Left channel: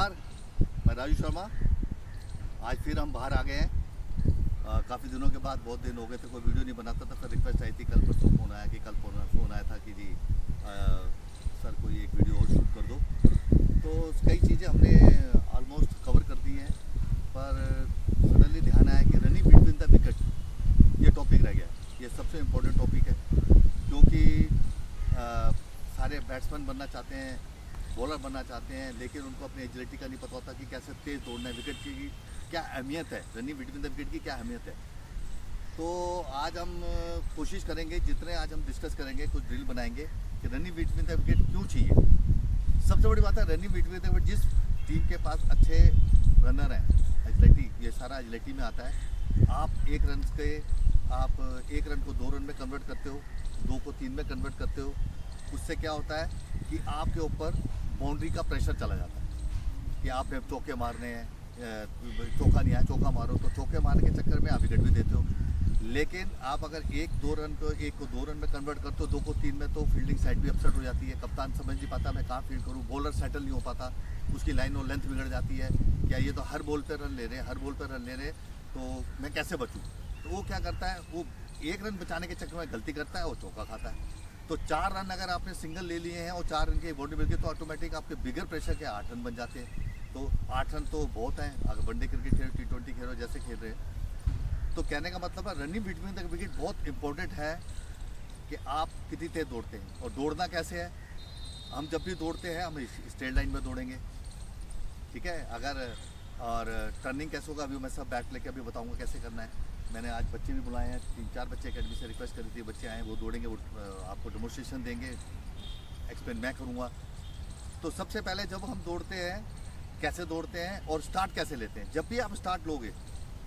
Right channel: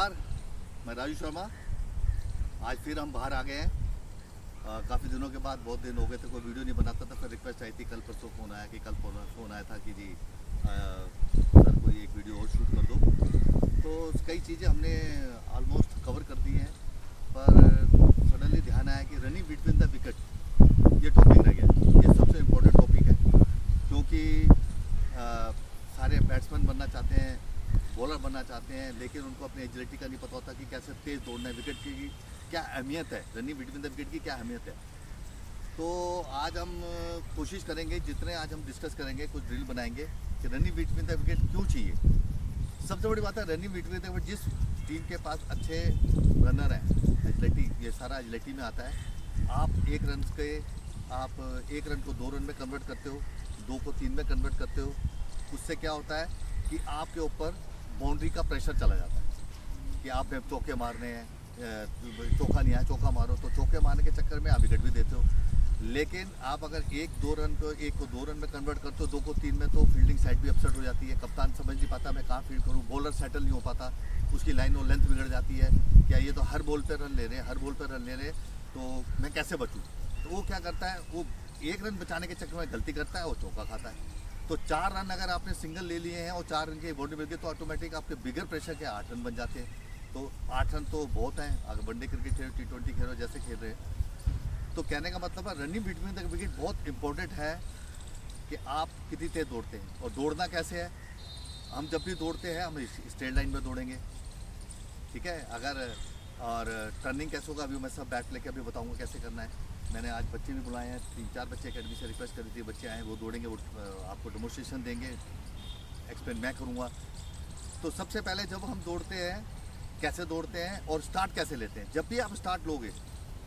नमस्कार, मैं राजू शर्मा। आज फिर हम बाहर आ गए हैं। काफ़ी दिनों के बाद, बहुत दिन हो गए थे कोई वीडियो नहीं बनाता था। फिर रिक्वेस्ट आई थी, कल परसों फ़ोन आया कि कल फ़ोन आया था कि जी सर कोई एक वीडियो और शूट कर दो। तो कई चीज़ें हमने ऑलमोस्ट कवर कर दी हैं, पर सडनली ध्यान आया कि रनिंग बिटवीन द विकेट ये टॉपिक रह गया। ये सबसे इम्पोर्टेंट टॉपिक है, क्योंकि सारे बैट्समैन बनना चाहते हैं, बॉलर बनना चाहते हैं, लेकिन उनको अपनी एजिलिटी का नहीं पता होता कि कैसे तेज़ दौड़ना है। विकेट की क्या अहमियत है, रनिंग बिटवीन द विकेट की क्या अहमियत है। तो आज हम कोशिश करेंगे, जितने आज हम डिस्कस करेंगे, कुछ ड्रिल बनाएंगे कि रनिंग बिटवीन द विकेट क्यों चाहिए। सबसे बड़ी बात है रनिंग बिटवीन द विकेट, जिस टीम के पास अच्छे रनर हैं, एजिलिटी, ये सारा एजिलिटी में आता है। आप एक रन को 2 रन में कन्वर्ट करते हो, 2 को 3 में कन्वर्ट करते हो। उससे क्या होता है कि आपके ऊपर बाउंड्री का प्रेशर चला जाता है कि आपने चौके मारने हैं, चौका नहीं आया, चौका मारो। तो चौके मारने के चक्कर में आप विकेट भी देते हो। लेकिन आप अगर 1 को 2 रन में कन्वर्ट करते हो, 2 को 3 में, तो फील्डिंग साइड भी अपसेट हो जाती है। कप्तान समझ नहीं पाता मैं कहाँ फील्ड करूँ, बॉलर सेटल नहीं हो पाता, उसकी लाइन और लेंथ बिगड़ जाती है। क्या ये तो हर बॉल पर रन ले रहे हैं, तो मैं कैसे बचूँ। तो वो क्या करता है, वो 1 रन बचाने के चक्कर में गलती करता है और चौका खाता है। तो 4 रन अगर आपने सिंगल ले लिए हैं और 4 रन की बॉडी मिल गई, तो ऑटोमेटिक आपके बिगर प्रेशर के 8 रन बन जाते हैं। तो 8 रन तो बहुत हैं, अगर वनडे क्रिकेट खेलो, T20 खेलो, जैसे खेल रहे हैं। तो कहने का मतलब है रनिंग बिटवीन द विकेट बहुत इंपॉर्टेंट है कि आप कितनी तेज दौड़ते हैं और दौड़ना कैसे है। हम जब भी दौड़ते हैं हम स्ट्रेट लाइन में दौड़ेंगे, ठीक है। और टर्निंग कैसे होगा, अभी मैं सब बैट लेके अभी बताऊँगा कैसे करना है। मैंने आज बच्चे भी बुलाए हैं, 3-4 बच्चे अकेडमी से रिक्वेस्ट करी थी, बच्चे आए, वो दौड़ेंगे, वो आपको डेमोन्स्ट्रेशन देंगे, एक्सप्लेन मैं करूँगा। तो सबसे पहले जब हम दौड़ते हैं, कैसे दौड़ते हैं और स्टार्ट कैसे लेते हैं। जब भी आप स्टार्ट लोगे,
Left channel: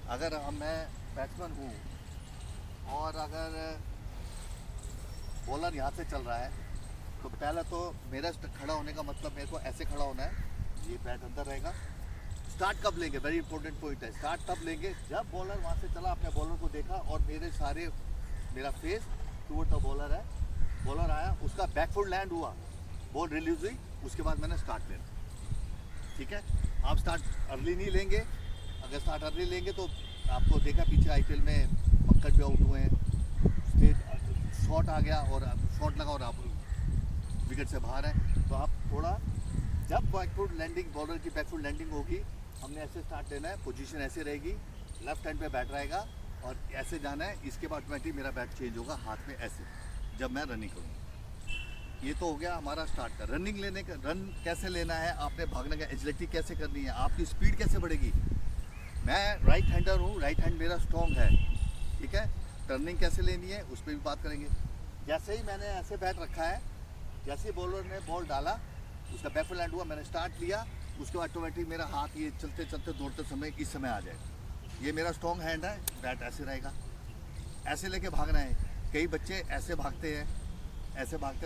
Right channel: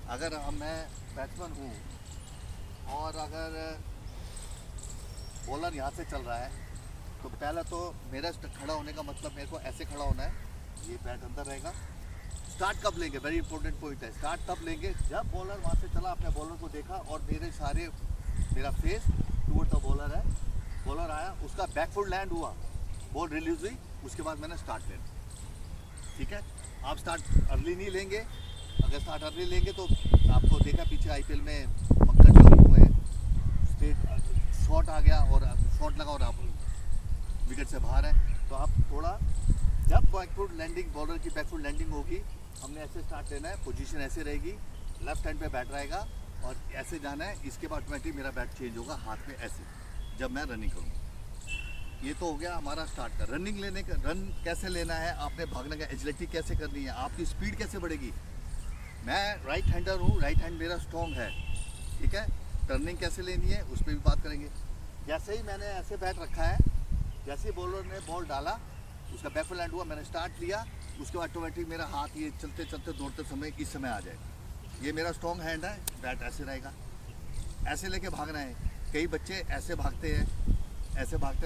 अगर मैं बैट्समैन हूँ और अगर बॉलर यहाँ से चल रहा है, तो पहले तो मेरा खड़ा होने का मतलब मेरे को ऐसे खड़ा होना है, ये बैट अंदर रहेगा। स्टार्ट कब लेंगे, वेरी इंपॉर्टेंट पॉइंट है। स्टार्ट तब लेंगे जब बॉलर वहाँ से चला, आपने बॉलर को देखा और मेरा फेस टूवर्ड द बॉलर है, बॉलर आया, उसका बैकफुट लैंड हुआ, बॉल रिलीज हुई, उसके बाद मैंने स्टार्ट लेना, ठीक है। आप स्टार्ट अर्ली नहीं लेंगे। अगर स्टार्ट अर्ली लेंगे तो आपको देखा पीछे IPL में मक्कड़ जो हुए हैं, स्ट्रेट शॉट आ गया और शॉट लगा और आप विकेट से बाहर है। तो आप थोड़ा, जब बैकफुट लैंडिंग, बॉलर की बैकफुट लैंडिंग होगी, हमने ऐसे स्टार्ट लेना है। पोजीशन ऐसे रहेगी, लेफ्ट हैंड पे बैट रहेगा और ऐसे जाना है। इसके बाद ऑटोमेटिक मेरा बैट चेंज होगा हाथ में ऐसे, जब मैं रनिंग करूँगा। ये तो हो गया हमारा स्टार्ट का। रनिंग लेने का, रन कैसे लेना है, आपने भागने का एजिलिटी कैसे करनी है, आपकी स्पीड कैसे बढ़ेगी। मैं राइट हैंडर हूँ, राइट हैंड मेरा स्ट्रॉन्ग है, ठीक है। टर्निंग कैसे लेनी है उस पर भी बात करेंगे। जैसे ही मैंने ऐसे बैट रखा है, जैसे ही बॉलर ने बॉल डाला, उसका बैकफुट लैंड हुआ, मैंने स्टार्ट लिया, उसके बाद ऑटोमेटिक मेरा हाथ ये चलते चलते दौड़ते समय इस समय आ जाएगा। ये मेरा स्ट्रॉन्ग हैंड है, बैट ऐसे रहेगा, ऐसे लेके भागना है। कई बच्चे ऐसे भागते हैं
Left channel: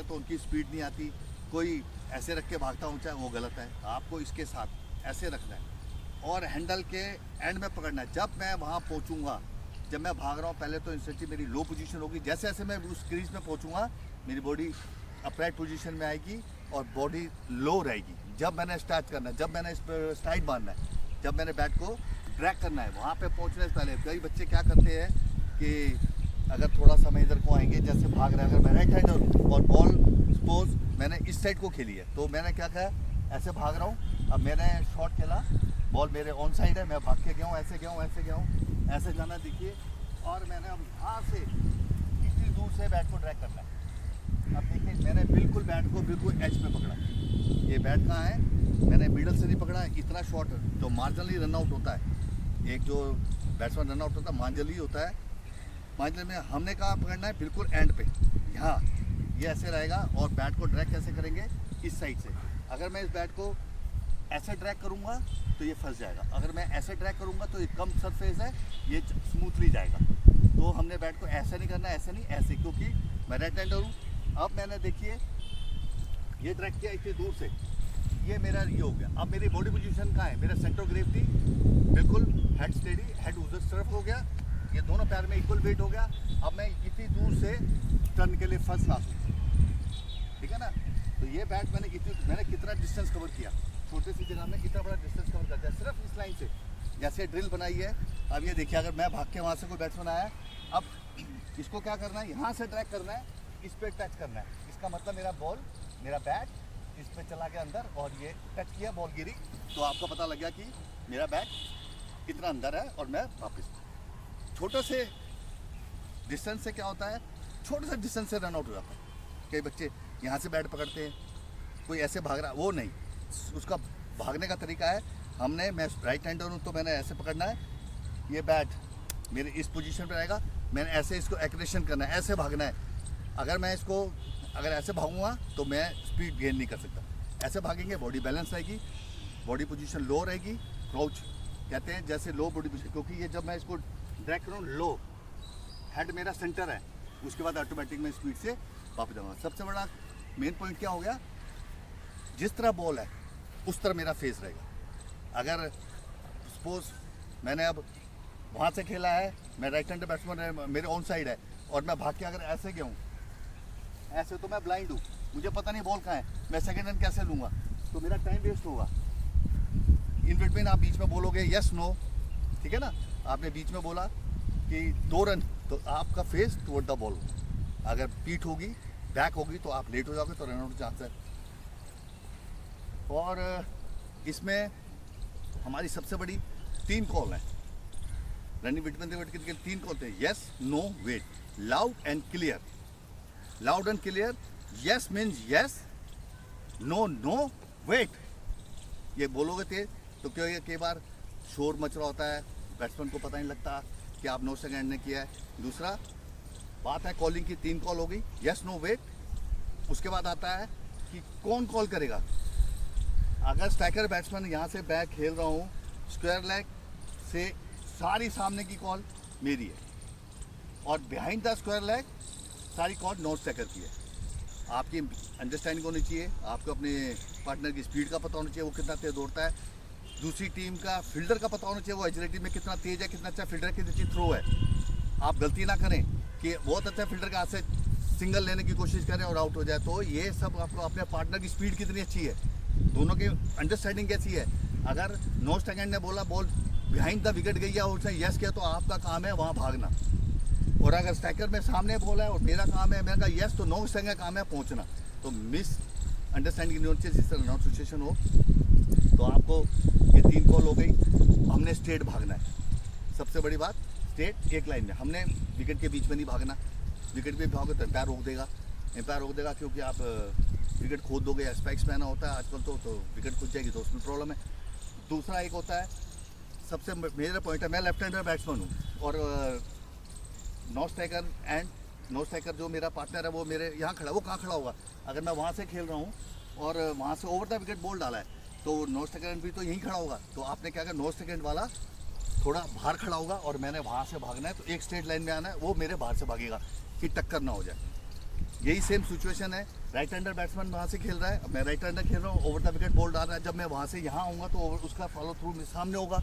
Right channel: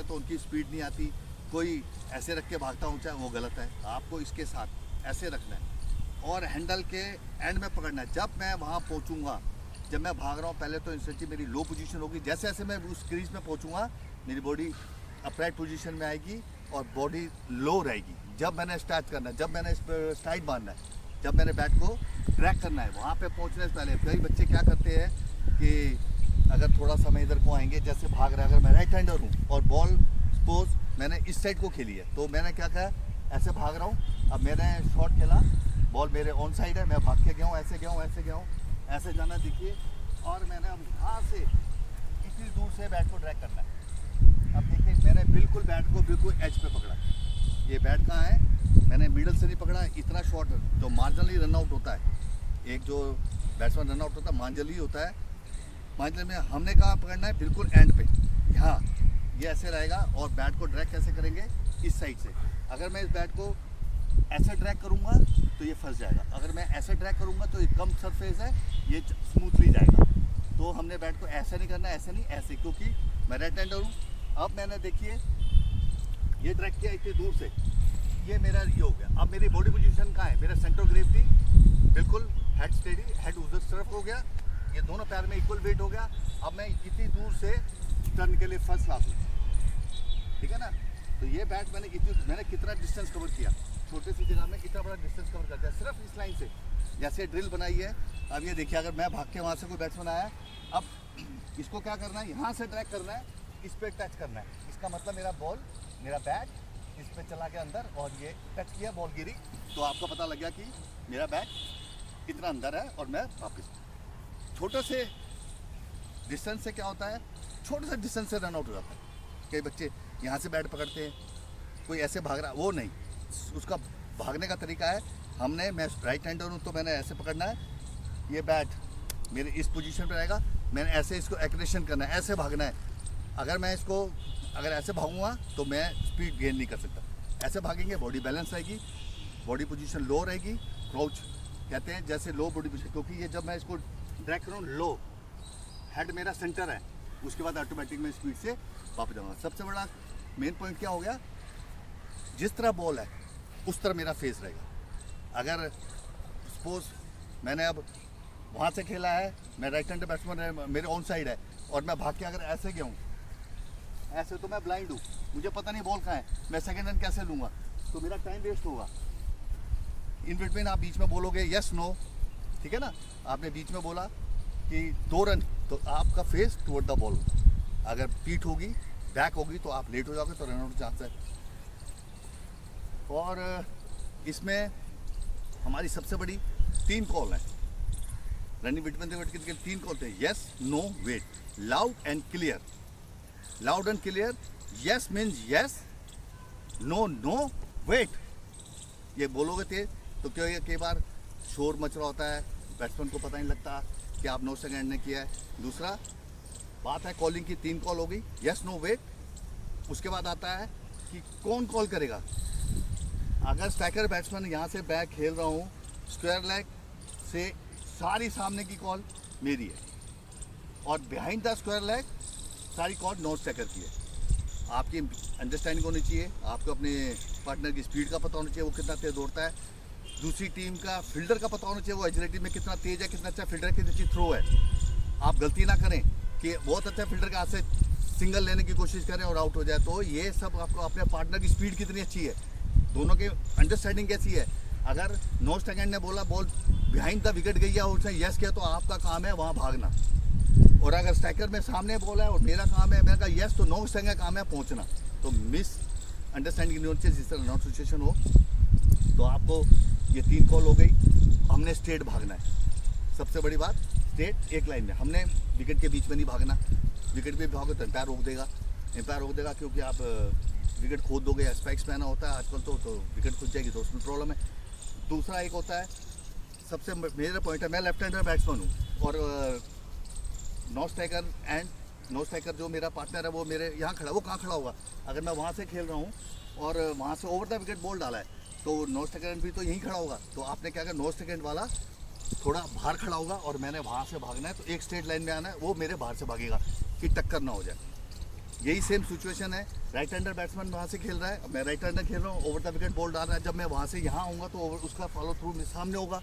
तो उनकी स्पीड नहीं आती। कोई ऐसे रख के भागता ऊंचा, वो गलत है। आपको इसके साथ ऐसे रखना है और हैंडल के एंड में पकड़ना है। जब मैं वहाँ पहुँचूँगा, जब मैं भाग रहा हूँ, पहले तो इंस्टेंटली मेरी लो पोजीशन होगी। जैसे जैसे मैं उस क्रीज में पहुँचूँगा, मेरी बॉडी अपराइट पोजीशन में आएगी और बॉडी लो रहेगी। जब मैंने स्टार्ट करना है, जब मैंने स्ट्राइड मारना है, जब मैंने बैट को ड्रैग करना है, वहाँ पे पहुँचने से पहले कई बच्चे क्या करते हैं कि अगर थोड़ा समय इधर को आएंगे, जैसे भाग रहे हैं, अगर मैं राइट हैंडर हूँ और बॉल सपोज मैंने इस साइड को खेली है, तो मैंने क्या कहा, ऐसे भाग रहा हूँ। अब मैंने शॉट खेला, बॉल मेरे ऑन साइड है, मैं भाग के गया हूँ, ऐसे गया हूँ, ऐसे जाना देखिए। और मैंने अब यहाँ से इतनी दूर से बैट को ड्रैग करना है। अब देखिए, मैंने बिल्कुल बैट को बिल्कुल एज पे पकड़ा। ये बैट कहाँ है, मैंने मिडल से नहीं पकड़ा। इतना शॉट जो मार्जिनली रन आउट होता है, एक जो बैट्समैन रन आउट होता है मार्जिनली होता है, मार्जिनल में हमने कहाँ पकड़ना है, बिल्कुल एंड पे, यहाँ ये ऐसे रहेगा। और बैट को ड्रैग कैसे करेंगे, इस साइड से। अगर मैं इस बैट को ऐसे ड्रैग करूँगा तो ये फंस जाएगा, अगर मैं ऐसे ड्रैग करूँगा तो ये कम सरफेस है, ये स्मूथली जाएगा। तो हमने बैट को ऐसे नहीं करना, ऐसे नहीं, ऐसे, क्योंकि मैं राइट हैंडर हूँ। अब मैंने देखिए ये ड्रैग किया इतनी दूर से, ये मेरा ये हो गया। अब मेरी बॉडी पोजीशन कहाँ है, मेरा सेंटर ऑफ ग्रेविटी बिल्कुल हेड स्टेडी, हेड उधर तरफ हो गया, ये दोनों पैर में इक्वल वेट हो गया। अब मैं इतनी दूर से टर्न के लिए फर्स्ट क्लास हूँ, ठीक है ना। तो ये बैट मैंने कितना डिस्टेंस कवर किया, छोटे सी जगह में कितना बड़ा डिस्टेंस कवर करते हैं सिर्फ इस लाइन से। जैसे ड्रिल बनाई है, अब ये देखिए अगर मैं भाग के वहाँ से कोई बैट्समैन आया, अब इसको क्या करना है, यहाँ से ट्रैक करना है, इस पर टच करना है। इसका मतलब मेरा बॉल, मेरा बैट इस पर चला गया अंदर और ये टच किया, बॉल गिरी, तो आपको पता लग गया कि मेरा बैट इतना अंदर है और मैं वापस। छोटे से डिस्टेंस से क्या होता है, छोटे से डिस्टेंस से रन आउट हो जाता है। कई बच्चे यहाँ से बैट पकड़ते हैं, कोई ऐसे भाग रहा, वो नहीं, उसका भागने का तरीका है, हमने, मैं राइट हैंडर हूँ तो मैंने ऐसे पकड़ना है, ये बैट मेरे इस पोजीशन पे रहेगा, मैंने ऐसे इसको एक्रेशन करना है, ऐसे भागना है। अगर मैं इसको अगर ऐसे भागूंगा तो मैं स्पीड गेन नहीं कर सकता। ऐसे भागेंगे बॉडी बैलेंस रहेगी, बॉडी पोजीशन लो रहेगी, क्राउच कहते हैं जैसे लो बॉडी पोजीशन, क्योंकि ये जब मैं इसको ड्रैग करूँ लो, हेड मेरा सेंटर है, उसके बाद ऑटोमेटिक मैं स्पीड से वापस जाऊँगा। सबसे बड़ा मेन पॉइंट क्या हो गया, जिस तरह बॉल है उस तरह मेरा फेस रहेगा। अगर सपोज मैंने अब वहाँ से खेला है, मैं राइट हैंड बैट्समैन है, मेरे ऑन साइड है, और मैं भाग के अगर ऐसे गया हूँ, ऐसे तो मैं ब्लाइंड हूँ, मुझे पता नहीं बॉल कहाँ है, मैं सेकंड रन कैसे लूँगा, तो मेरा टाइम वेस्ट होगा। इन बिटवीन आप बीच में बोलोगे यस नो, ठीक है ना, आपने बीच में बोला कि 2 रन, तो आपका फेस टुवर्ड द बॉल होगा। अगर पीठ होगी, बैक होगी, तो आप लेट हो जाओगे, तो रन आउट चांस है। और इसमें हमारी सबसे बड़ी 3 कॉल है रनिंग बिटवीन द विकेट के, 3 कॉल थे, yes no wait, loud and clear. Loud and clear, yes means yes, no no wait, ये बोलोगे थे तो क्यों, ये कई बार शोर मच रहा होता है, बैट्समैन को पता नहीं लगता कि आप नो सेकंड ने किया है। दूसरा बात है कॉलिंग की, 3 कॉल हो गई, यस नो वेट। उसके बाद आता है कि कौन कॉल करेगा। अगर स्ट्राइकर बैट्समैन यहाँ से बैक खेल रहा हूँ, स्क्वायर लेग से सारी सामने की कॉल मेरी है, और बिहाइंड द स्क्वायर लेग सारी कॉल नॉन स्ट्राइकर की है। आपकी अंडरस्टैंडिंग होनी चाहिए, आपको अपने पार्टनर की स्पीड का पता होना चाहिए, वो कितना तेज दौड़ता है, दूसरी टीम का फील्डर का पता होना चाहिए, वो एजिलिटी में कितना तेज है, कितना अच्छा फील्डर, कितनी अच्छी थ्रो है। आप गलती ना करें कि बहुत अच्छा फील्डर का हाथ से सिंगल लेने की कोशिश करें और आउट हो जाए। तो ये सब आपको अपने पार्टनर की स्पीड कितनी अच्छी है, दोनों की अंडरस्टैंडिंग कैसी है। अगर नो सेकंड ने बोला बॉल बिहाइंड द विकेट गई है और उसने यस किया, तो आपका काम है वहाँ भागना। और अगर स्ट्राइकर में सामने बोला है और मेरा काम है, मैंने कहा यस, तो नो सेकंड का काम है पहुँचना। तो मिस अंडरस्टैंडिंग नहीं होनी चाहिए। जिस तरह नॉट सिचुएशन हो, तो आपको ये 3 कॉल हो गई, हमने स्ट्रेट भागना है। सबसे बड़ी बात, स्ट्रेट एक लाइन में, हमने विकेट के बीच में नहीं भागना। विकेट पे भागो तो एम्पायर रोक देगा, एम्पायर रोक देगा, क्योंकि आप विकेट खोद दोगे, या स्पाइक्स पहना होता है आजकल, तो विकेट खुद जाएगी, तो उसमें प्रॉब्लम है। दूसरा एक होता है, सबसे मेजर पॉइंट है, मैं लेफ्ट हैंडर बैट्समैन हूँ, और नो स्ट्राइकर जो मेरा पार्टनर है वो मेरे यहाँ खड़ा, वो कहाँ खड़ा होगा। अगर मैं वहाँ से खेल रहा हूँ और वहाँ से ओवर द विकेट बॉल डाला है, तो नो स्ट्राइकर भी तो यहीं खड़ा होगा। तो आपने क्या कहा, नो सेकंड वाला थोड़ा बाहर खड़ा होगा और मैंने वहाँ से भागना है, तो एक स्ट्रेट लाइन में आना है, वो मेरे बाहर से भागेगा कि टक्कर ना हो जाए। यही सेम सिचुएशन है, राइट हैंडर बैट्समैन वहाँ से खेल रहा है, मैं राइट हैंडर खेल रहा हूँ, ओवर द विकेट बॉल डाल रहा है, जब मैं वहाँ से यहाँ आऊँगा तो उसका फॉलो थ्रू सामने होगा।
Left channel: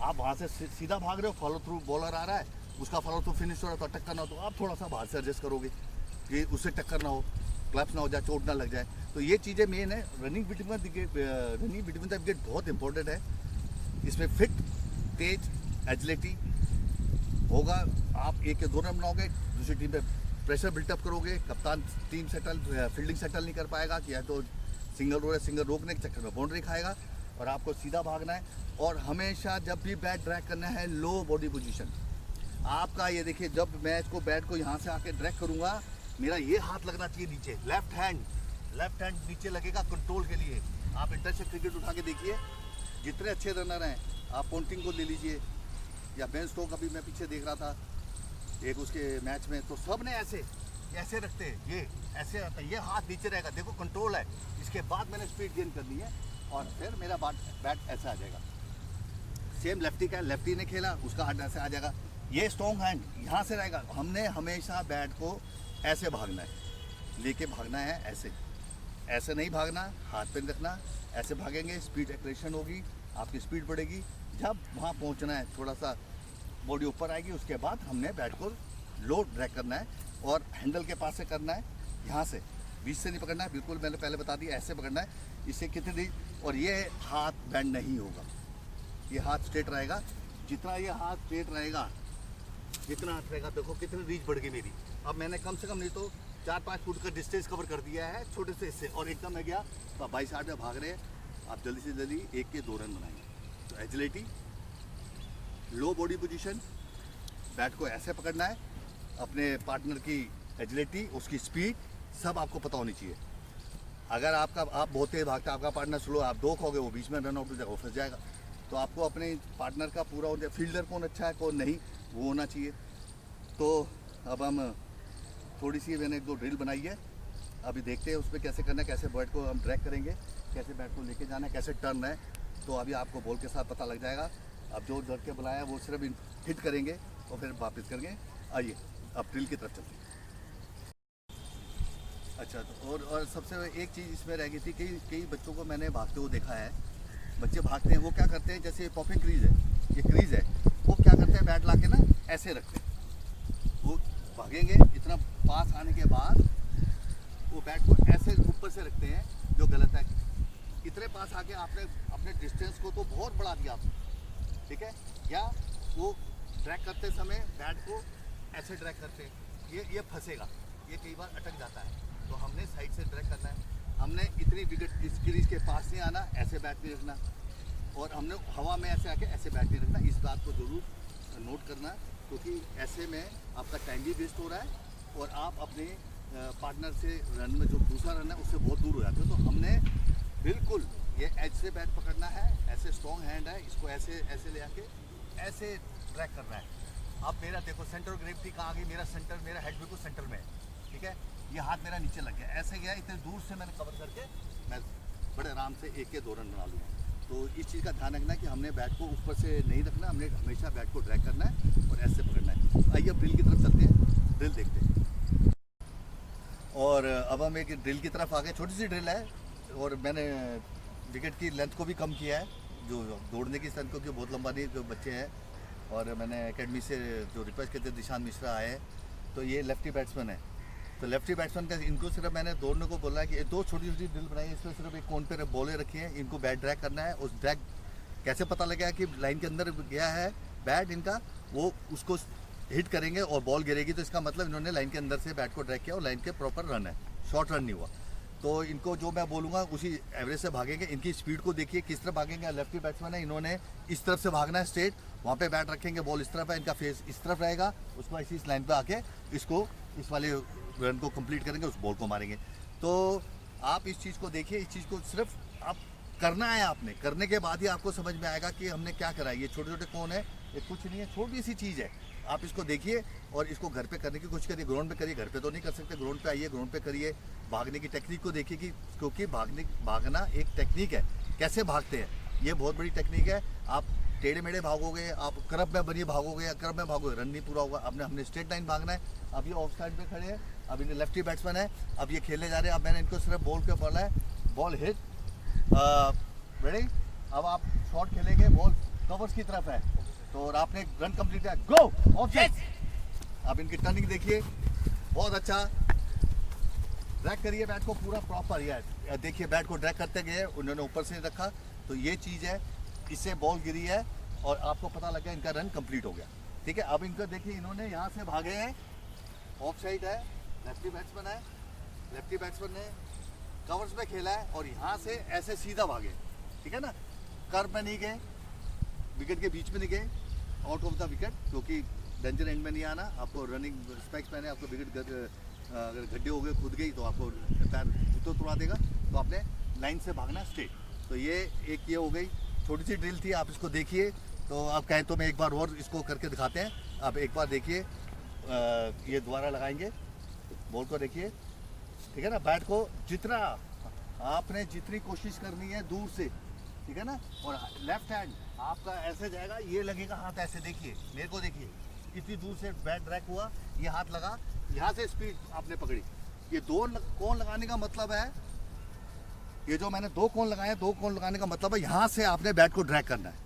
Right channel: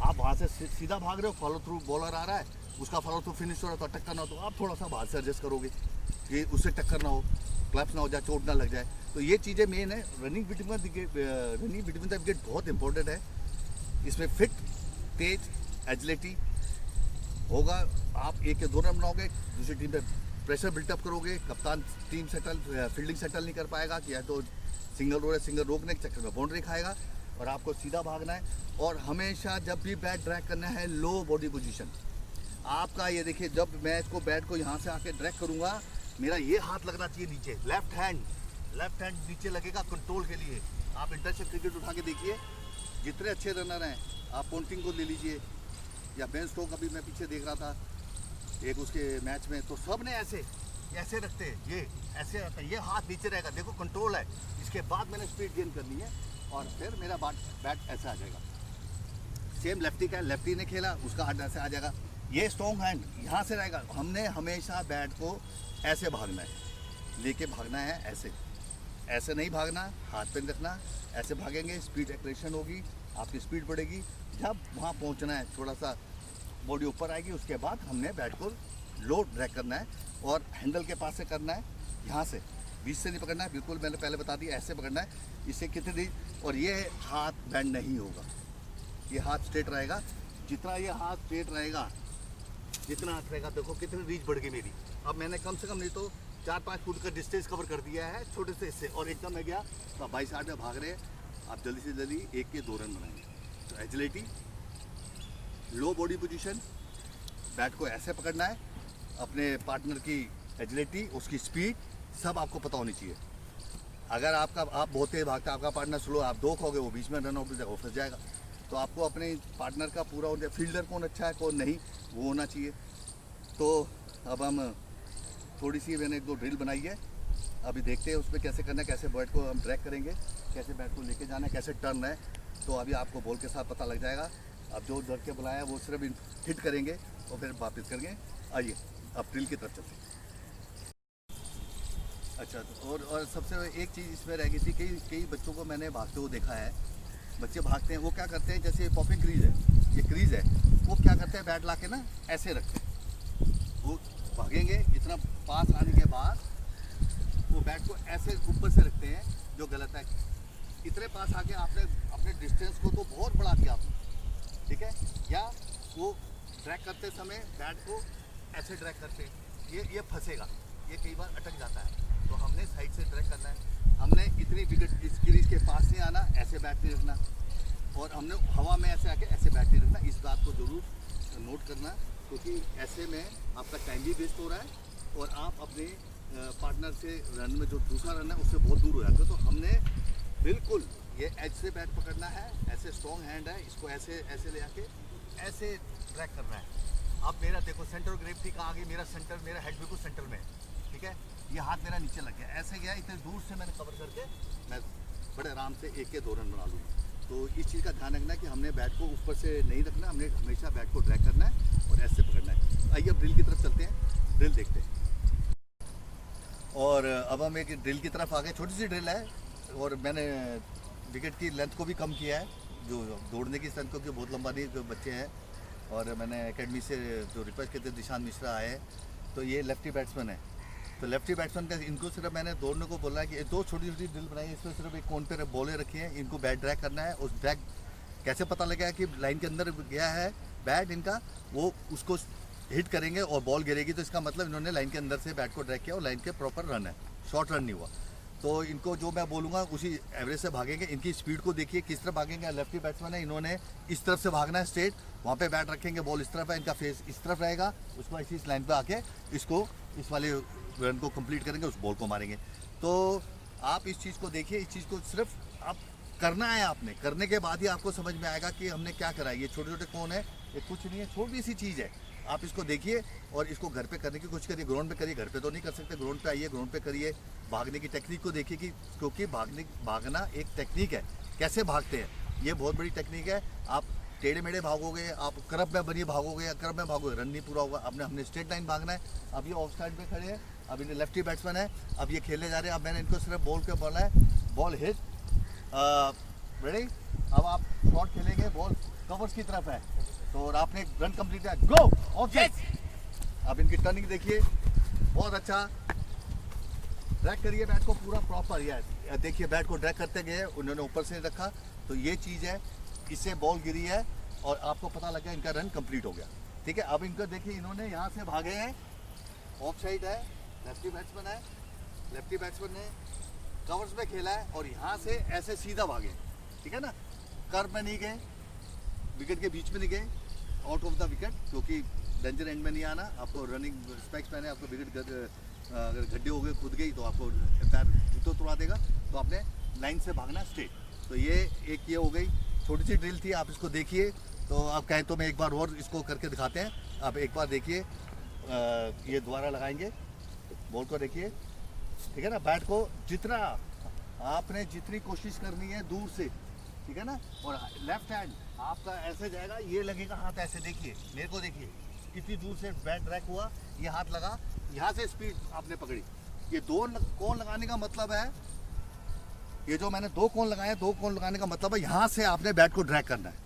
आप वहाँ से सीधा भाग रहे हो, फॉलो थ्रू बॉलर आ रहा है, उसका फॉलो थ्रू फिनिश हो रहा है, तो टक्कर ना हो, तो आप थोड़ा सा बाहर से एडजस्ट करोगे कि उससे टक्कर ना हो, क्लैप्स ना हो जाए, चोट ना लग जाए। तो ये चीज़ें मेन है। रनिंग बिटवीन द विकेट बहुत इंपॉर्टेंट है। इसमें फिट, तेज, एजिलिटी होगा। आप 1 या 2 रन बनाओगे, दूसरी टीम पे प्रेशर बिल्टअप करोगे, कप्तान टीम फील्डिंग सेटल नहीं कर पाएगा कि या तो सिंगल रोकने के चक्कर में बाउंड्री खाएगा, और आपको सीधा भागना है। और हमेशा जब भी बैट ड्रैग करना है, लो बॉडी पोजीशन आपका। ये देखिए, जब मैं इसको बैट को यहाँ से आके ड्रैग करूँगा, मेरा ये हाथ लगना चाहिए नीचे, लेफ्ट हैंड नीचे लगेगा कंट्रोल के लिए। आप इंटरनेशनल क्रिकेट उठा के देखिए, जितने अच्छे रनर हैं, आप पोंटिंग को ले लीजिए या बेन स्टोक, अभी मैं पीछे देख रहा था एक उसके मैच में, तो सब ने ऐसे रखते हैं, ये ऐसे रहता है, ये हाथ नीचे रहेगा, देखो कंट्रोल है। इसके बाद मैंने स्पीड गेन करनी है और फिर मेरा बैट ऐसा आ जाएगा। सेम लेफ्टी का, लेफ्टी ने खेला, उसका हाथ ऐसे आ जाएगा, ये स्ट्रॉन्ग हैंड यहाँ से रहेगा। हमने हमेशा बैट को ऐसे भागना है, लेके भागना है, ऐसे नहीं भागना, हाथ पे नहीं रखना, ऐसे भागेंगे, स्पीड एक्रेशन होगी, आपकी स्पीड बढ़ेगी। जब वहाँ पहुँचना है, थोड़ा सा बॉडी ऊपर आएगी, उसके बाद हमने बैट को लो ड्रैग करना है और हैंडल के पास से करना है, यहाँ से बीच से नहीं पकड़ना है, बिल्कुल मैंने पहले बता दिया, ऐसे पकड़ना है। इससे कितनी और ये हाथ बेंड नहीं होगा, ये हाथ स्ट्रेट रहेगा। जितना ये हाथ स्ट्रेट रहेगा, जितना हाथ रहेगा, देखो कितनी रीच बढ़ गई मेरी। अब मैंने कम से कम नहीं तो 4-5 फुट का डिस्टेंस कवर कर दिया है छोटे से इससे, और एकदम मैं गया तो आप 22 में भाग रहे हैं। आप जल्दी से जल्दी 1 के 2 रन बनाएंगे। तो एजिलिटी, लो बॉडी पोजीशन, बैट को ऐसे पकड़ना है, अपने पार्टनर की एजिलिटी, उसकी स्पीड सब आपको पता होनी चाहिए। अगर आप बहुत तेज भागता है, आपका पार्टनर स्लो, आप 2 खोगे, वो बीच में रन आउट हो जाएगा, वो फंस जाएगा। तो आपको अपने पार्टनर का पूरा होना, फील्डर कौन अच्छा है कौन नहीं, वो होना चाहिए। तो अब हम थोड़ी सी मैंने 1-2 ड्रिल बनाई है, अभी देखते हैं उस पर कैसे करना है, कैसे बैट को हम ड्रैग करेंगे, कैसे बैट को लेके जाना है, कैसे टर्न है। तो अभी आपको बॉल के साथ पता लग जाएगा। अब जो लड़के बुलाया वो सिर्फ हिट करेंगे और फिर वापस करेंगे। आइए अब ड्रिल की तरफ चलते हैं। अच्छा, तो और सबसे एक चीज़ इसमें रह गई थी, कई बच्चों को मैंने भागते हुए देखा है। बच्चे भागते हैं, वो क्या करते हैं, जैसे पॉपिंग क्रीज है, ये क्रीज है, वो क्या करते हैं, बैट ला के ना ऐसे रखते हैं। वो भागेंगे, इतना पास आने के बाद वो बैट को ऐसे ऊपर से रखते हैं, जो गलत है। इतने पास आके आपने अपने डिस्टेंस को तो बहुत बढ़ा दिया आपने, ठीक है। या वो ड्रैग करते समय बैट को ऐसे ड्रैग करते हैं, ये फंसेगा, ये कई बार अटक जाता है। तो हमने साइड से ड्रैग करना है, हमने इतनी विकेट इस क्रीज के पास नहीं आना, ऐसे बैट नहीं रखना, और हमने हवा में ऐसे आके ऐसे बैट नहीं रखना। इस बात को ज़रूर नोट करना, क्योंकि ऐसे में आपका टाइम भी वेस्ट हो रहा है और आप अपने पार्टनर से रन में जो दूसरा रन है उससे बहुत दूर हो जाते हो। तो हमने बिल्कुल ये एज से बैट पकड़ना है, ऐसे स्ट्रॉन्ग हैंड है, इसको ऐसे ऐसे ले आके ऐसे ट्रैक करना है। अब मेरा देखो सेंटर ग्रेविटी कहाँ आ गई, मेरा सेंटर, मेरा हेड बिल्कुल सेंटर में है, ठीक है। ये हाथ मेरा नीचे लग गया, ऐसे गया, इतने दूर से मैंने कवर करके मैं बड़े आराम से 1 के 2 रन बना लूँगा। तो इस चीज़ का ध्यान रखना है कि हमने बैट को ऊपर से नहीं रखना, हमने हमेशा बैट को ड्रैग करना है और ऐसे पकड़ना है। आइए अब ड्रिल की तरफ चलते हैं, ड्रिल देखते हैं। और अब हम एक ड्रिल की तरफ आ गए, छोटी सी ड्रिल है, और मैंने विकेट की लेंथ को भी कम किया है, जो दौड़ने की स्ट्रेंथ, क्योंकि बहुत लंबा नहीं, जो बच्चे हैं। और मैंने एकेडमी से जो रिक्वेस्ट करते दिशांत मिश्रा आए, तो ये लेफ्टी बैट्समैन है। तो लेफ्टी बैट्समैन का इनको सिर्फ मैंने दौड़ने को बोला है कि 2 छोटी छोटी ड्रिल बनाई है, इसमें सिर्फ एक कोन पे बॉलें रखी हैं, इनको बैट ड्रैग करना है। उस ड्रैग कैसे पता लगेगा कि लाइन के अंदर गया है बैट इनका, वो उसको हिट करेंगे और बॉल गिरेगी, तो इसका मतलब इन्होंने लाइन के अंदर से बैट को ड्रैग किया और लाइन के प्रॉपर रन है, शॉर्ट रन नहीं हुआ। तो इनको जो मैं बोलूँगा उसी एवरेज से भागेंगे। इनकी स्पीड को देखिए किस तरफ भागेंगे। लेफ्टी बैट्समैन है, इन्होंने इस तरफ से भागना है स्ट्रेट, वहाँ पे बैट रखेंगे, बॉल इस तरफ है, इनका फेस इस तरफ रहेगा, उसको ऐसी इस लाइन पे आके इसको इस वाले रन को कंप्लीट करेंगे, उस बॉल को मारेंगे। तो आप इस चीज़ को देखिए, इस चीज़ को सिर्फ आप करना है, आपने करने के बाद ही आपको समझ में आएगा कि हमने क्या करा है। ये छोटे छोटे कौन है, ये कुछ नहीं है, छोटी सी चीज़ है। आप इसको देखिए और इसको घर पे करने की कोशिश करिए। ग्राउंड पे करिए, घर पे तो नहीं कर सकते, ग्राउंड पे आइए, ग्राउंड पे करिए। भागने की टेक्निक को देखिए, कि क्योंकि भागना एक टेक्निक है, कैसे भागते हैं, ये बहुत बड़ी टेक्निक है। आप टेढ़े मेढ़े भागोगे, आप करब में बनिए भागोगे या करब में भागोगे, रन नहीं पूरा होगा। हमने स्ट्रेट लाइन भागना है। अब ये ऑफ साइड पे खड़े हैं, अब इन्हें लेफ्टी बैट्समैन है, अब ये खेलने जा रहे हैं। अब मैंने इनको सिर्फ बॉल के बोला है, बॉल हिट, रेडी। अब आप शॉट खेलेंगे, बॉल कवर्स की तरफ है, तो आपने रन कंप्लीट किया, गो ऑफ साइड। अब इनकी टर्निंग देखिए, बहुत अच्छा ड्रैग करिए बैट को पूरा प्रॉपर। ये देखिए बैट को ड्रैग करते गए, उन्होंने ऊपर से रखा, तो ये चीज़ है, इससे बॉल गिरी है और आपको पता लगा इनका रन कंप्लीट हो गया, ठीक है। अब इनको देखिए, इन्होंने यहाँ से भागे हैं, ऑफ साइड है, लेफ्टी बैट्समैन है, लेफ्टी बैट्समैन ने कवर्स में खेला है और यहाँ से ऐसे सीधा भागे, ठीक है ना। कर्व में नहीं गए, विकेट के बीच में नहीं गए, आउट ऑफ द विकेट, क्योंकि डेंजर एंड में नहीं आना। आपको रनिंग स्पेक्स पहने, आपको विकेट अगर गड्ढे हो गए, खुद गई तो आपको पैर जूतों तोड़ा देगा। तो आपने लाइन से भागना स्ट्रेट। तो ये एक ये हो गई, छोटी सी ड्रिल थी, आप इसको देखिए। तो आप कहें तो मैं एक बार और इसको करके दिखाते हैं। आप एक बार देखिए, ये दोबारा लगाएंगे, बॉल को देखिए, ठीक है ना। बैट को जितना आपने जितनी कोशिश करनी है दूर से, ठीक है ना। और लेफ्ट हैंड आपका ऐसे जाएगा, ये लगेगा हाथ ऐसे, देखिए मेरे को देखिए, इतनी दूर से बैट ड्रैग हुआ, ये हाथ लगा, यहाँ से स्पीड आपने पकड़ी। ये 2 कोन लगाने का मतलब है, ये जो मैंने 2 कोन लगाए, 2 कोन लगाने का मतलब है यहाँ से आपने बैट को ड्रैग करना है,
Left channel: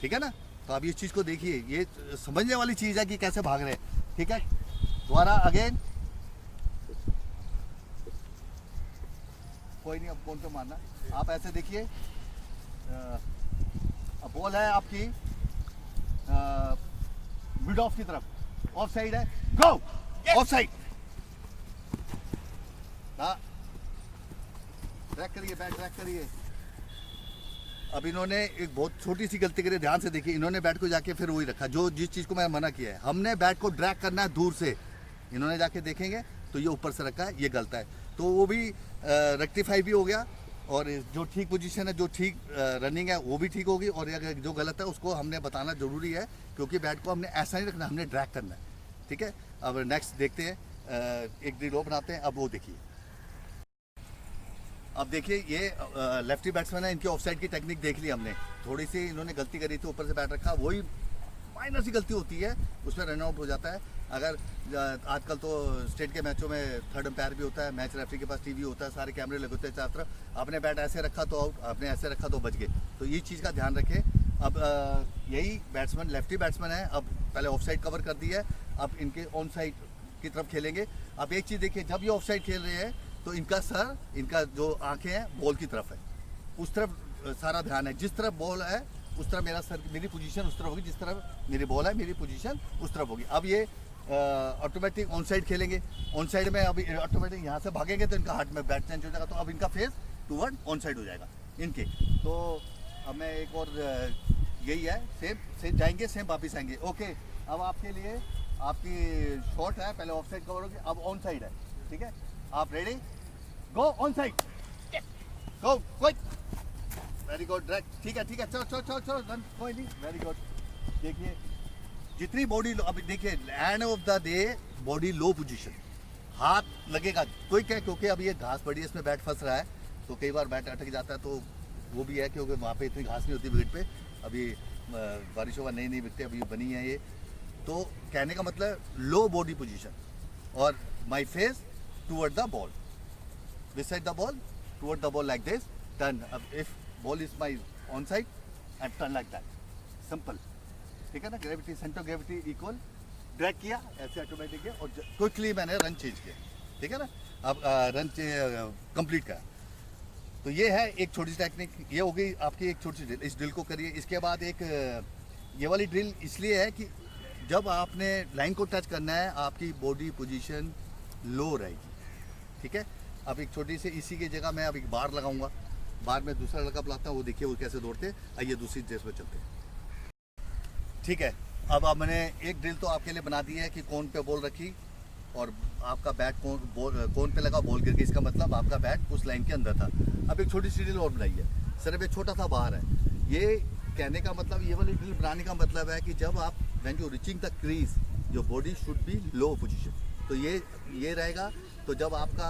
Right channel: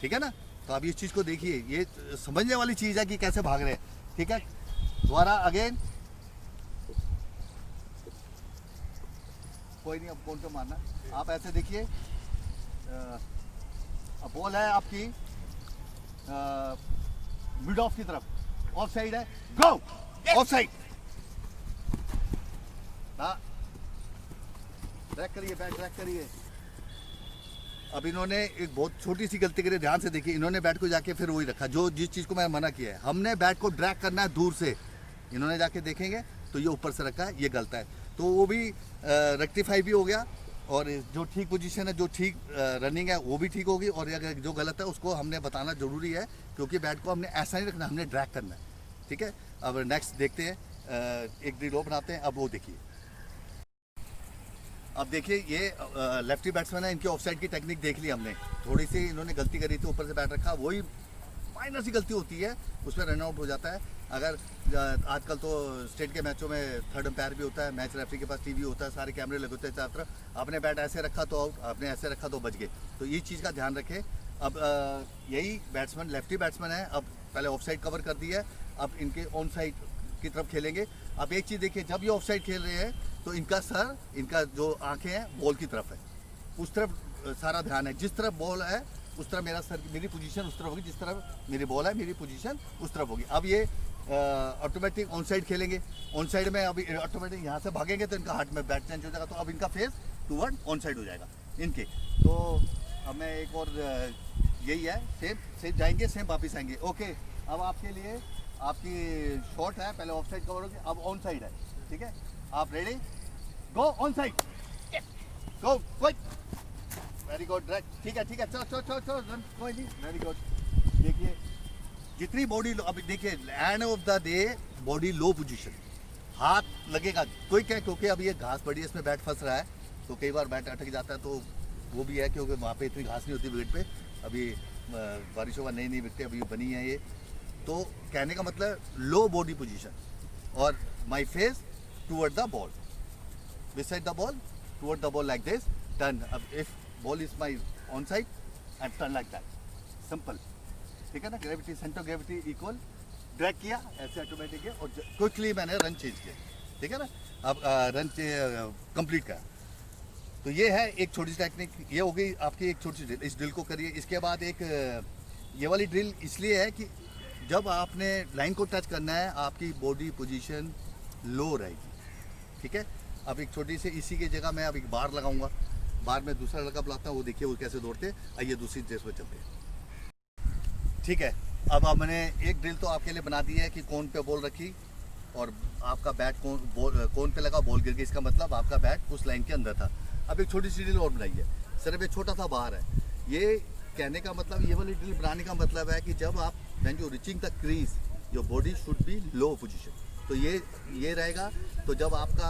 ठीक है ना। तो आप इस चीज़ को देखिए, ये समझने वाली चीज़ है कि कैसे भाग रहे हैं, ठीक है। दोबारा अगेन, कोई नहीं, अब कौन पे मारना, आप ऐसे देखिए, अब बॉल है आपकी मिड ऑफ की तरफ, ऑफ साइड है, गो ऑफ साइड। ट्रैक करिए, बैट ट्रैक करिए। अब इन्होंने एक बहुत छोटी सी गलती करी, ध्यान से देखिए। इन्होंने बैट को जाके फिर वही रखा जो जिस चीज़ को मैं मना किया है। हमने बैट को ड्रैग करना है दूर से, इन्होंने जाके देखेंगे तो ये ऊपर से रखा है, ये गलत है। तो वो भी रेक्टिफाई भी हो गया, और जो ठीक पोजीशन है, जो ठीक रनिंग है वो भी ठीक होगी, और अगर जो गलत है उसको हमने बताना जरूरी है, क्योंकि बैट को हमने ऐसा नहीं रखना, हमने ड्रैग करना है। ठीक है, अब नेक्स्ट देखते हैं, एक ड्रिल और बनाते हैं। अब वो देखिए, अब देखिए ये लेफ्टी बैट्समैन है, इनके ऑफसाइड की टेक्निक देख ली हमने। थोड़ी सी इन्होंने गलती करी थी, ऊपर से बैट रखा, वही माइनर सी गलती होती है, उसमें रन आउट हो जाता है। अगर आजकल तो स्टेट के मैचों में थर्ड अंपायर भी होता है, मैच रेफरी के पास टीवी होता है, सारे कैमरे लगे होते हैं चारों तरफ। आपने बैट ऐसे रखा तो आउट, आपने ऐसे रखा तो बच गए। तो ये चीज़ का ध्यान रखें। अब यही बैट्समैन लेफ्टी बैट्समैन है, अब पहले ऑफ साइड कवर कर दी है, अब इनके ऑन साइड की तरफ खेलेंगे। अब एक चीज़ देखिए, जब ये ऑफ साइड खेल रहे हैं तो इनका सर, इनका जो आंखें हैं बॉल की तरफ है, उस तरफ सारा ध्यान है। जिस तरफ बॉल है उस तरफ मेरा सर, मेरी पोजीशन उस तरफ होगी, जिस तरफ मेरी बॉल है मेरी पोजीशन उस तरफ होगी। अब ये ऑटोमेटिक ऑन साइड खेलेंगे। ऑन साइड में अभी ऑटोमेटिक यहाँ से भागेंगे तो इनका हाथ में बैट चेंज हो जाएगा, तो अब इनका फेस टूवर्ड ऑन साइड हो जाएगा इनके। तो अब मैं एक और यही है, सेम जाएंगे, सेम वापिस आएंगे। ओके, अब आपके लिए आपकी शॉट है, पहले ऑफ साइड कवर होगी, अब ऑन साइड है। ठीक है, आप ready, go on side, go quick, very good, direct. ठीक है ठीक है, चलो चलो चलो, कोई नहीं, वेरी गुड। देखिए जितनी बॉडी, अभी देखिए end of the day body low position, हाथ लगेगा क्विक है, क्योंकि अब ये घास पड़ी है, इसमें बैट फंस रहा है, तो कई बार बैट अटक जाता है। तो वो भी है क्योंकि वहाँ पे इतनी घास नहीं होती विकेट पे, अभी बारिशों का नई विकेटें अभी बनी है ये। तो कहने का मतलब लो बॉडी पोजीशन, और my face toward the ball, beside the ball, toward the ball like this, turn. If ball is my on side, and turn like that. Simple. ठीक है ना, gravity, centre gravity equal, drag किया ऐसे automatic है, और quickly मैंने run change किया। ठीक है ना, अब रन कंप्लीट करा। तो ये है एक छोटी सी टेक्निक, ये हो गई आपकी एक छोटी सी ड्रिल। इस ड्रिल को करिए। इसके बाद एक ये वाली ड्रिल इसलिए है कि जब आपने लाइन को टच करना है आपकी बॉडी पोजीशन लो रहेगी। ठीक है, अब एक छोटी सी इसी की जगह मैं अब एक बार लगाऊंगा, बार में दूसरा लड़का बुलाता हूँ, वो देखिए वो कैसे दौड़ते। आइए दूसरी ड्रेस पर चलते हैं। ठीक है, अब मैंने एक ड्रिल तो आपके लिए बना दी है कि कौन पे बॉल रखी और आपका बैट कौन पे लगा, बॉल गिर गई, इसका मतलब आपका बैट उस लाइन के अंदर था। अब एक छोटी सी ड्रिल और बनाई है, सिर्फ एक छोटा सा बार है। ये कहने का मतलब, ये वाली ड्रिल बनाने का मतलब है कि जब आप when you reaching the crease your body should be low position, तो ये रहेगा। तो जब आपका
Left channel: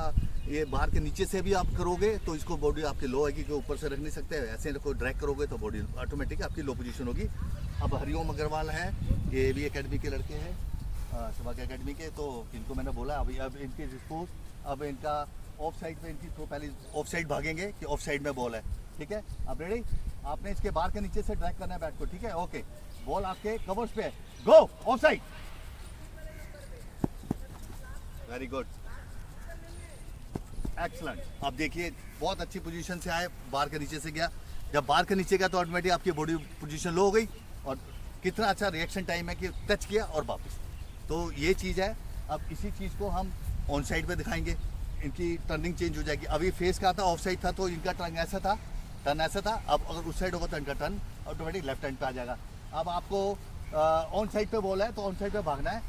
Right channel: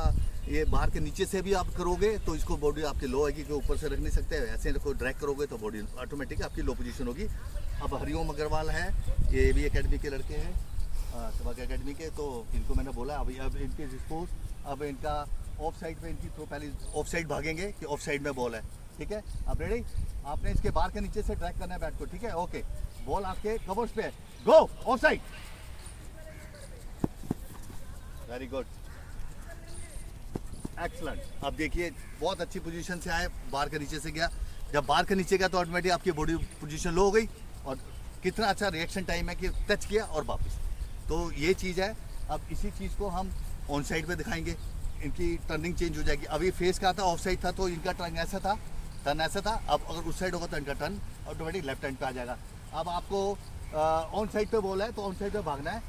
ये बाहर के नीचे से भी आप करोगे तो इसको बॉडी आपकी लो आएगी, कि ऊपर से रख नहीं सकते, ऐसे को ड्रैग करोगे तो बॉडी ऑटोमेटिक आपकी लो पोजीशन होगी। अब हरिओम अग्रवाल है, ये भी एकेडमी के लड़के हैं, सबक एकेडमी के, तो इनको मैंने बोला अभी अब इनके डिस्पोज, अब इनका ऑफ साइड पे इनकी तो पहले ऑफ साइड भागेंगे कि ऑफ साइड में बॉल है। ठीक है, अब रेडी, आपने इसके बाहर के नीचे से ड्रैग करना है बैट को। ठीक है, ओके, बॉल आपके कवर्स पे है, go off side, very good, excellent. अब देखिए बहुत अच्छी पोजीशन से आए, बार के नीचे से गया, जब बार के नीचे गया तो ऑटोमेटिक आपकी बॉडी पोजीशन लो हो गई, और कितना अच्छा रिएक्शन टाइम है कि टच किया और वापस। तो ये चीज़ है। अब इसी चीज़ को हम ऑन साइड पे दिखाएंगे, इनकी टर्निंग चेंज हो जाएगी। अभी फेस का था, ऑफ साइड था, तो इनका टर्न ऐसा था, टर्न ऐसा था। अब अगर उस साइड होगा तो इनका टर्न ऑटोमेटिक लेफ्ट हैंड पे आ जाएगा। अब आपको ऑन साइड पे बॉल है तो ऑन साइड पे भागना है।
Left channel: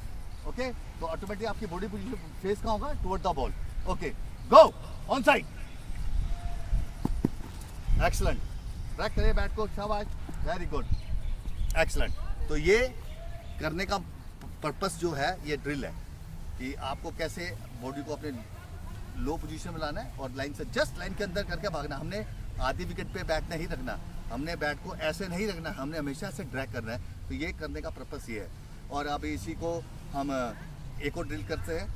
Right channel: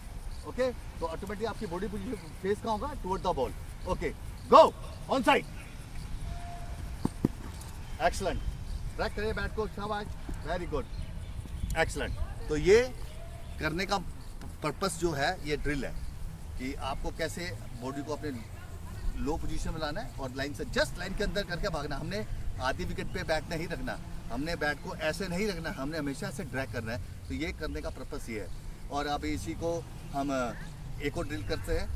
ओके, तो ऑटोमेटिक आपकी बॉडी पोजीशन फेस का होगा toward the ball. Okay, go on side, excellent, track करिए बैट को, शाबाश, वेरी गुड, एक्सलेंट। तो ये करने का पर्पस जो है, ये ड्रिल है कि आपको कैसे बॉडी को अपने लो पोजीशन में लाना है और लाइन से जस्ट लाइन के अंदर करके भागना। हमने आधी विकेट पे बैट नहीं रखना, हमने बैट को ऐसे नहीं रखना, हमने हमेशा ऐसे ड्रैग करना है। तो ये करने का पर्पस ये है। और अब इसी को हम एक और ड्रिल करते हैं,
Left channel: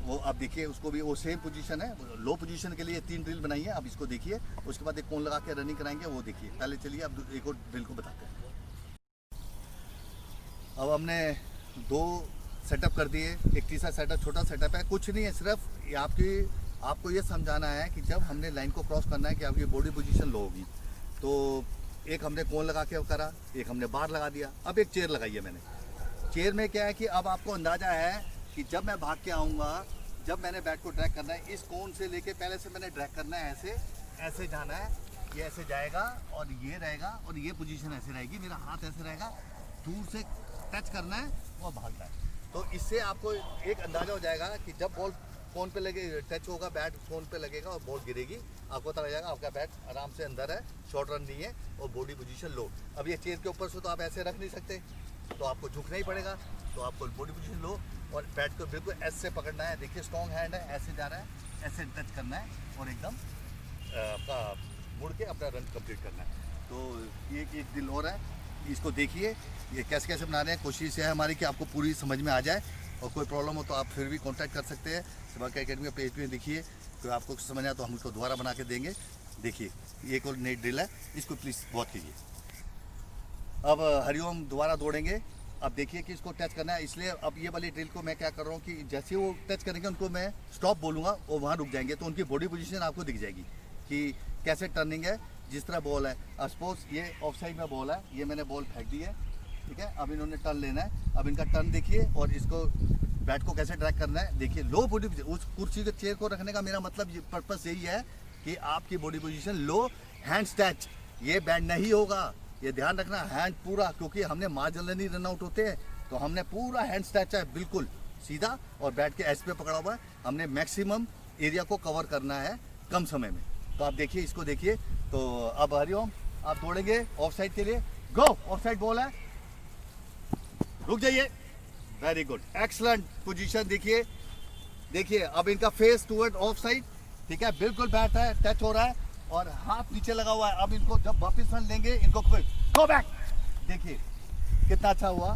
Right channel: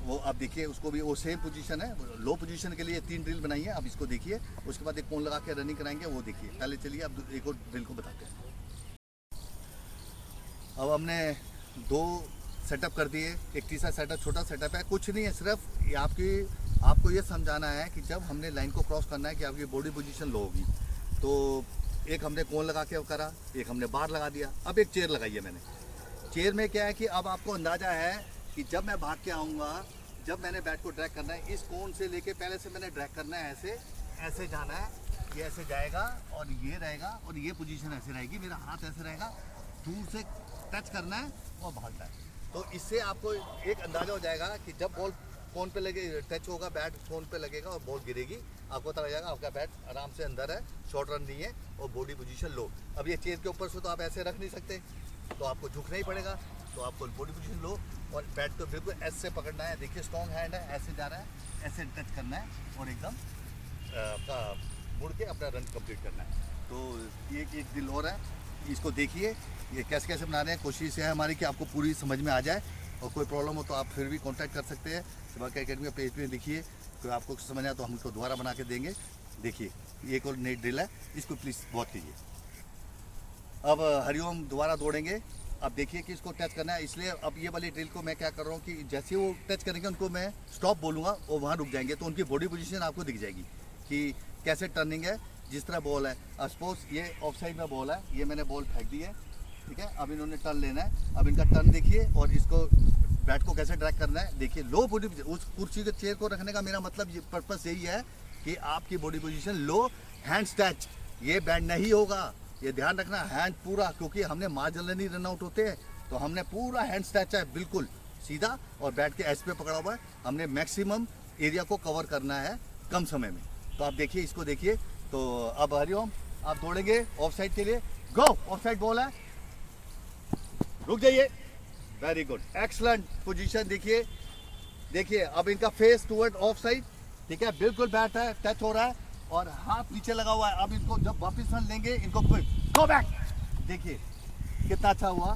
वो आप देखिए, उसको भी वो सेम पोजीशन है, लो पोजीशन के लिए 3 ड्रिल बनाई है। अब इसको देखिए, उसके बाद एक कोन लगा के रनिंग कराएंगे, वो देखिए। पहले चलिए अब एक और ड्रिल को बताते हैं। अब हमने 2 सेटअप कर दिए, एक तीसरा सेटअप छोटा सेटअप है, कुछ नहीं है, सिर्फ ये आपको ये समझाना है कि जब हमने लाइन को क्रॉस करना है कि आपकी बॉडी पोजीशन लो होगी। तो एक हमने कोन लगा के करा, एक हमने बार लगा दिया, अब एक चेयर लगाई है मैंने। चेयर में क्या है कि अब आपको अंदाज़ा है कि जब मैं भाग के आऊँगा, जब मैंने बैट को ड्रैग करना है, इस कोन से लेके पहले से मैंने ड्रैग करना है, ऐसे ऐसे जाना है, ये ऐसे जाएगा और ये रहेगा और ये पोजीशन ऐसे रहेगी, मेरा हाथ ऐसे रहेगा, दूर से टच करना है और भागना है। तो इससे आपको एक अंदाज़ा हो जाएगा कि जब बॉल कोन पे लगे, टच होगा, बैट कोन पे लगेगा और बॉल गिरेगी, आपको पता लग जाएगा आपका बैट आराम से अंदर है, शॉर्ट रन नहीं है और बॉडी पोजीशन लो। अब ये चेयर के ऊपर से तो आप ऐसे रख नहीं सकते, तो आपको झुकना ही पड़ेगा, तो आपको बॉडी पोजीशन लो और बैट को बिल्कुल ऐसे पकड़ना है। देखिए स्ट्रॉन्ग हैंड है, ऐसे जा रहा है, ऐसे टच करना है और एकदम आपका मुड़ के अपना रन कंप्लीट करना है। तो ये एक दिल और है, इसको देखिए ये कैसे कैसे बना रहे हैं। कोशिश है हमारी कि आपको पूरी समझ में आ जाए, और कोई प्रॉब्लम हो तो आप फिर भी कांटेक्ट कर सकते हैं। सेवाक एकेडमी का पेज पे देखिए, कोई आपको समझ आए तो हम इसको दोबारा बना के देंगे। देखिए ये एक और नई ड्रिल है, इसको प्लीज़ वॉच कीजिए। अब हरिओम दोबारा दौड़ेंगे। अब देखिए कि इसको टच करना है, इसलिए अब ये वाली ड्रिल को मैं क्या कर रहा हूँ कि जैसे वो टच करेंगे उनको मैं स्टॉप बोलूँगा और वहाँ रुक जाएंगे, तो उनकी बॉडी पोजीशन आपको दिख जाएगी कि कैसे टर्निंग है, जिस तरह बॉल है। सपोज ये ऑफ साइड में बॉल है, ये मैंने बॉल फेंक दी है, ठीक है। अब इन्होंने टर्न लेना है, अब इनका टर्न देखिए और इसको बैट को कैसे ड्रैग करना है। देखिए लो बॉडी, उस कुर्सी के चेयर को रखने का मेरा मतलब ये पर्पस यही है कि आपकी बॉडी पोजीशन लो, हैंड्स टच, ये बैट नहीं होगा, ये ध्यान रखना। हैंड पूरा, क्योंकि हमने मार्जिनली रन आउट होते हैं, तो हमने पूरा हैंड्स टच है बिल्कुल सीधा और बैट के एज पे पकड़ा हुआ है। हमने मैक्सिमम एरिया को कवर करना है कम समय में। तो आप देखिए, इसको देखिए। तो अब हरिओम आप दौड़ेंगे ऑफ साइड के लिए, गो। ऑफ साइड बॉल है, रुक जाइए, वेरी गुड, एक्सलेंट पोजीशन। देखिए देखिए अब इनका फेस टूवर्ड ऑफ साइड, ठीक है, बिल्कुल बैट है, टच हो रहा है और हाथ नीचे लगा हुआ है। अब इनको जब वापस रन लेंगे, इनको गो बैक, देखिए कितना अच्छा हुआ,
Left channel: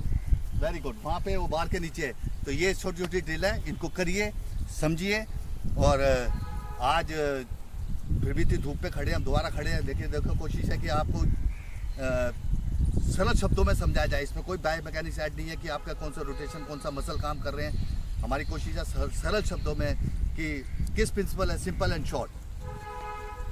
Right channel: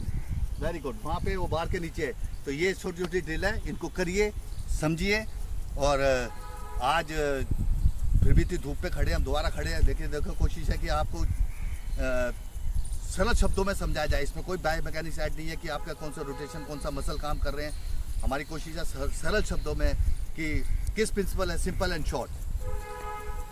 वेरी गुड। वहाँ पे वो बार के नीचे है। तो ये छोटी छोटी ड्रिल है, इनको करिए, समझिए। और आज फिर भी इतनी धूप पे खड़े हैं, हम दोबारा खड़े हैं, लेकिन देखो कोशिश है कि आपको सरल शब्दों में समझाया जाए। इसमें कोई बायो मैकेनिक्स ऐड नहीं है कि आपका कौन सा रोटेशन, कौन सा मसल काम कर रहे हैं। हमारी कोशिश है सरल शब्दों में कि किस प्रिंसिपल है, सिंपल एंड शॉर्ट,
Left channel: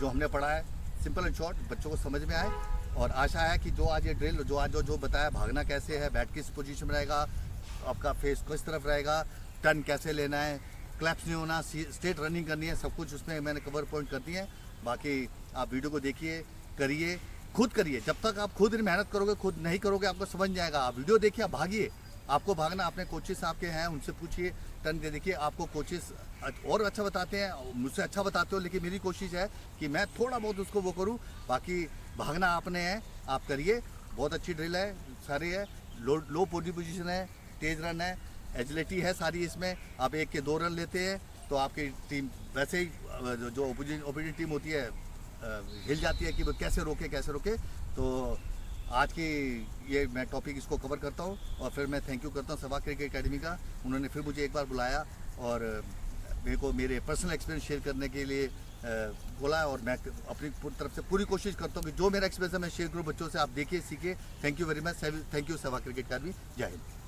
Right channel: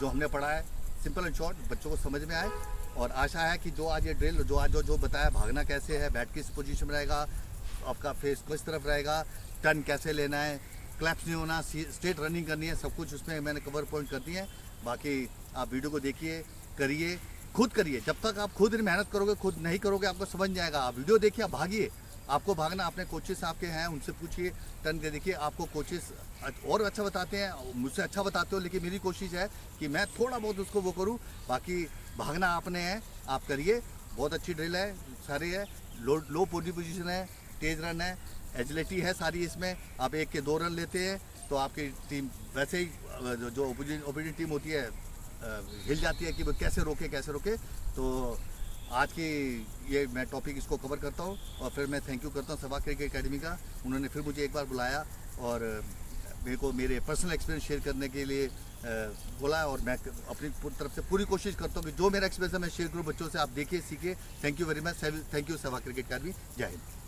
जो हमने पढ़ा है सिंपल एंड शॉर्ट बच्चों को समझ में आए। और आशा है कि जो आज ये ड्रिल जो आज जो बताया, भागना कैसे है, बैट किस पोजीशन में रहेगा, आपका फेस किस तरफ रहेगा, टर्न कैसे लेना है, क्लैप्स नहीं होना, स्ट्रेट रनिंग करनी है, सब कुछ उसमें मैंने कवर पॉइंट कर दिए हैं। बाकी आप वीडियो को देखिए, करिए, खुद करिए। जब तक आप खुद मेहनत करोगे, खुद नहीं करोगे, आपको समझ नहीं आएगा। आप वीडियो देखिए, आप भागिए। आपको भागना, अपने कोचेस आपके हैं, उनसे पूछिए, टर्न के देखिए, आपको कोचेस और अच्छा बताते हैं, मुझसे अच्छा बताते हो, लेकिन मेरी कोशिश है कि मैं थोड़ा बहुत उसको वो करूं। बाकी भागना आपने है, आप करिए। बहुत अच्छी ड्रिल है, सारी है, लो बॉडी पोजीशन है, तेज रन है, एजिलिटी है सारी इसमें। आप 1 के 2 रन लेते हैं तो आपकी टीम वैसे ही जो ओपोजिट टीम होती है हिल जाती है कि वो कैसे रोके। तो आज की ये मैं टॉपिक इसको कवर करता हूँ और फिर मैं थैंक यू करता हूँ सेवाक क्रिकेट एकेडमी का। उन्होंने फिर मुझे एक बार बुलाया और मेरे को मेरे पर्सनल एक्सपीरियंस शेयर करने के लिए बोला, और मैं अपनी तरफ से पूरी कोशिश करता हूँ कि जो मेरा एक्सपीरियंस है मैं शेयर करूँ बच्चों से। आप देखिए, सीखिए। Thank you very much, thank you सेवाक क्रिकेट एकेडमी। जय हिंद।